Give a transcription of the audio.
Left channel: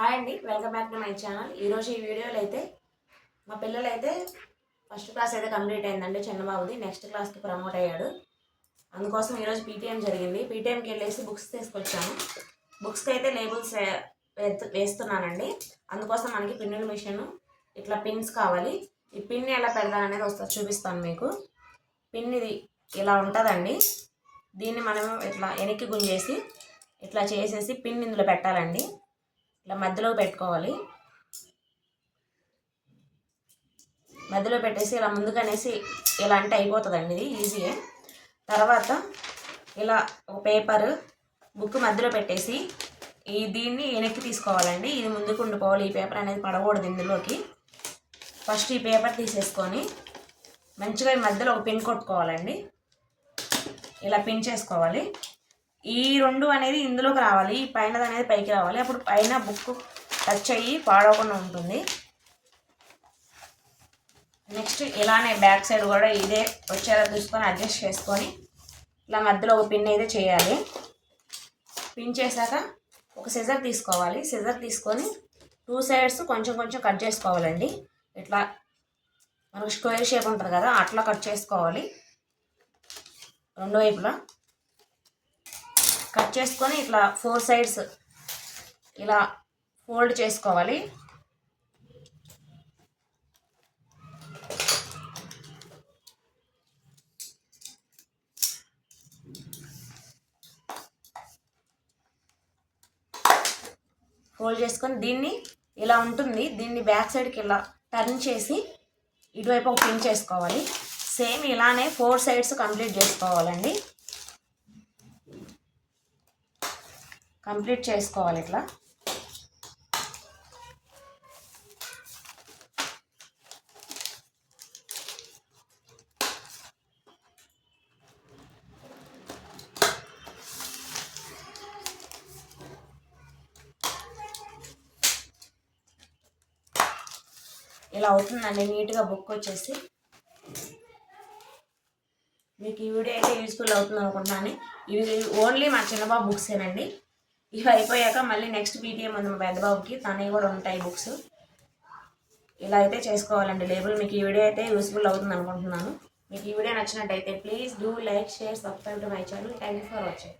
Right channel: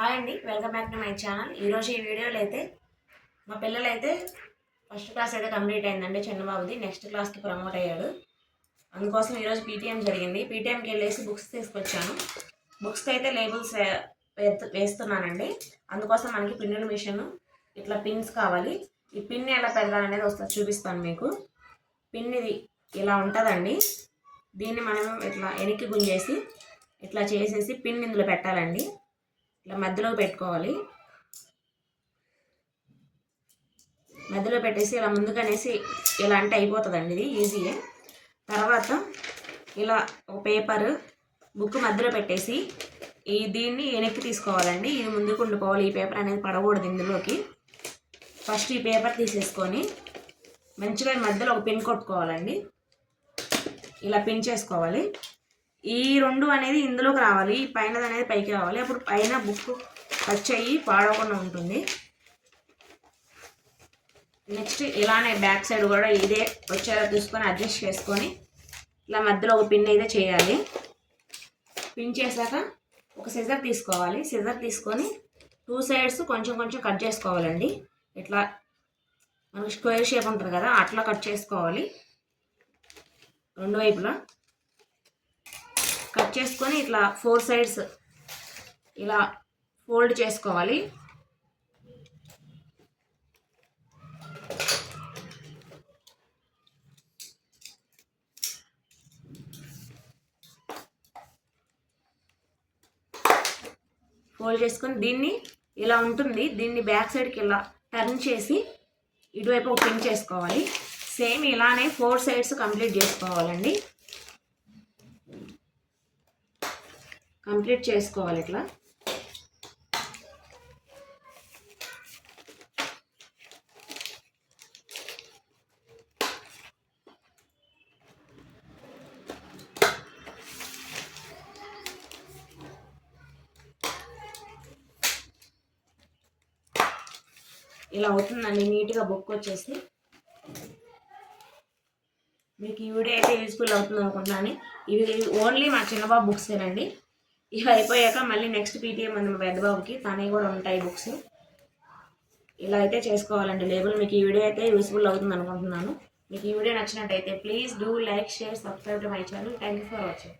Hi అండి welcome back to my channel. ఈరోజు ఈ వీడియోలో అయితే మా పిల్లలు అయితే ఫస్ట్ క్లాస్ అయితే కంప్లీట్ అయిందండి చిన్నబాబుది నెక్స్ట్ క్లాస్కి ప్రమోట్ అయ్యాడు. అందుకోసం ఈరోజు పీటీఎం జరిగింది. పీటీఎంకి వెళ్ళేసి బుక్స్ తీసుకొచ్చాను. బుక్స్కి అయితే లేబుల్స్ వేస్తున్నానండి. అందుకోసం మనకి పిన్నుల మిషన్ ఇట్లా పిన్స్ కావాలి. ఈ పిన్ ఎలా పెరగాలనేది వస్తుంది చూపిస్తాను మీకు. పిన్ ఇది ఇలా ఉంటుందండి. దీన్ని మనం ఇట్లా వెనక్కి గుంజేసి ఇట్లా చేసేసి పిన్ ఇందులో పెట్టాలండి. ఇట్లా మధ్యలో పెట్టుకోవాలి. మధ్యలో పెట్టేసి ఇలా ముందుకనేసి ఇలా అంటే అయిపోతుందండి ఇది ఈజీయే. తర్వాత ఇలా ఒక పేపర్ బుక్ మధ్యలో పెట్టేసి ఈ దీన్ని వెనక్కి తీసుకోవాలండి. ఇది ముందుకు ఉండిపోవాలి. ఈ పేపర్ అనేది పడకూడదు ఇందులోకి. ఫస్ట్ ఈ పేపర్ తీసేసుకొని మంచిగా ఈ మధ్యలో ఒక పిన్ కొట్టుకోవాలండి. ఇలా పిన్ చేసుకోవాలి. ఈ రెండు అనేది ఇందులోకి రావాలి ఈ పైన అనేది పైకి రావాలి. అప్పుడు పైన బుక్ టచ్ అయ్యి పాడవకుండా ఉంటుంది. నెక్స్ట్ ఇలానే బ్యాక్ సైడ్ కూడా ఇదే వచ్చేలా చూసుకొని అడ్జస్ట్ చేసుకొని ఇలా మధ్యలో ఒక పిన్ అయితే చేయాలి. పిన్ చేశాక ఒక సిజర్ తీసుకోవాలి. సిజర్ తీసుకొని టూ సైడ్స్ కొంచెం కొంచెం కట్ చేసుకోవాలండి. ఇట్లా మనకు స్క్వేర్ షేప్ ఉంటుంది కదా అట్లా కట్ చేసుకోవాలి. రెండు వైపులా. కట్ చేసుకొని ఇట్లా ఫోర్ సైడ్స్ ఇలా ఫోల్డ్ చేసుకోవాలి. ఫోల్డ్ చేసుకొని దీన్ని ఇలా ఉంటుంది. దీన్ని బ్యాక్ సైడ్కి ఇలా టర్న్ చేసి ఇటువైపు ఒక పిన్ చేసుకోవాలి. సేమ్ ఇలానే ఫోర్ సైడ్స్ కంప్లీట్ చేసుకోవాలండి. కంప్లీట్ చేసుకోవాలి ఇట్లా. ఇలా అవుతుందండి నీట్గా బుక్ వచ్చేసి మీకు ఈ వీడియో అయితే యూస్ఫుల్ అవుతుంది అనుకుంటున్నాను. ఇవి ఓన్లీ మా చిన్నబాబు బుక్సేనండి. ఇవి అయిపోయాక మళ్ళీ నెక్స్ట్ పీటీఎం ఉంది మా పెద్దబాబుకి. తనవి కూడా ఉంటాయి బుక్స్ ఇలా అయితే చేసుకోవాలండి లేబుల్ మీకు ఈ వీడియో అయితే యూస్ఫుల్ అవుతుంది అనుకుంటున్నాను. మీకు ఈ వీడియో నచ్చినట్టయితే please do like share subscribe to my channel thank you for watching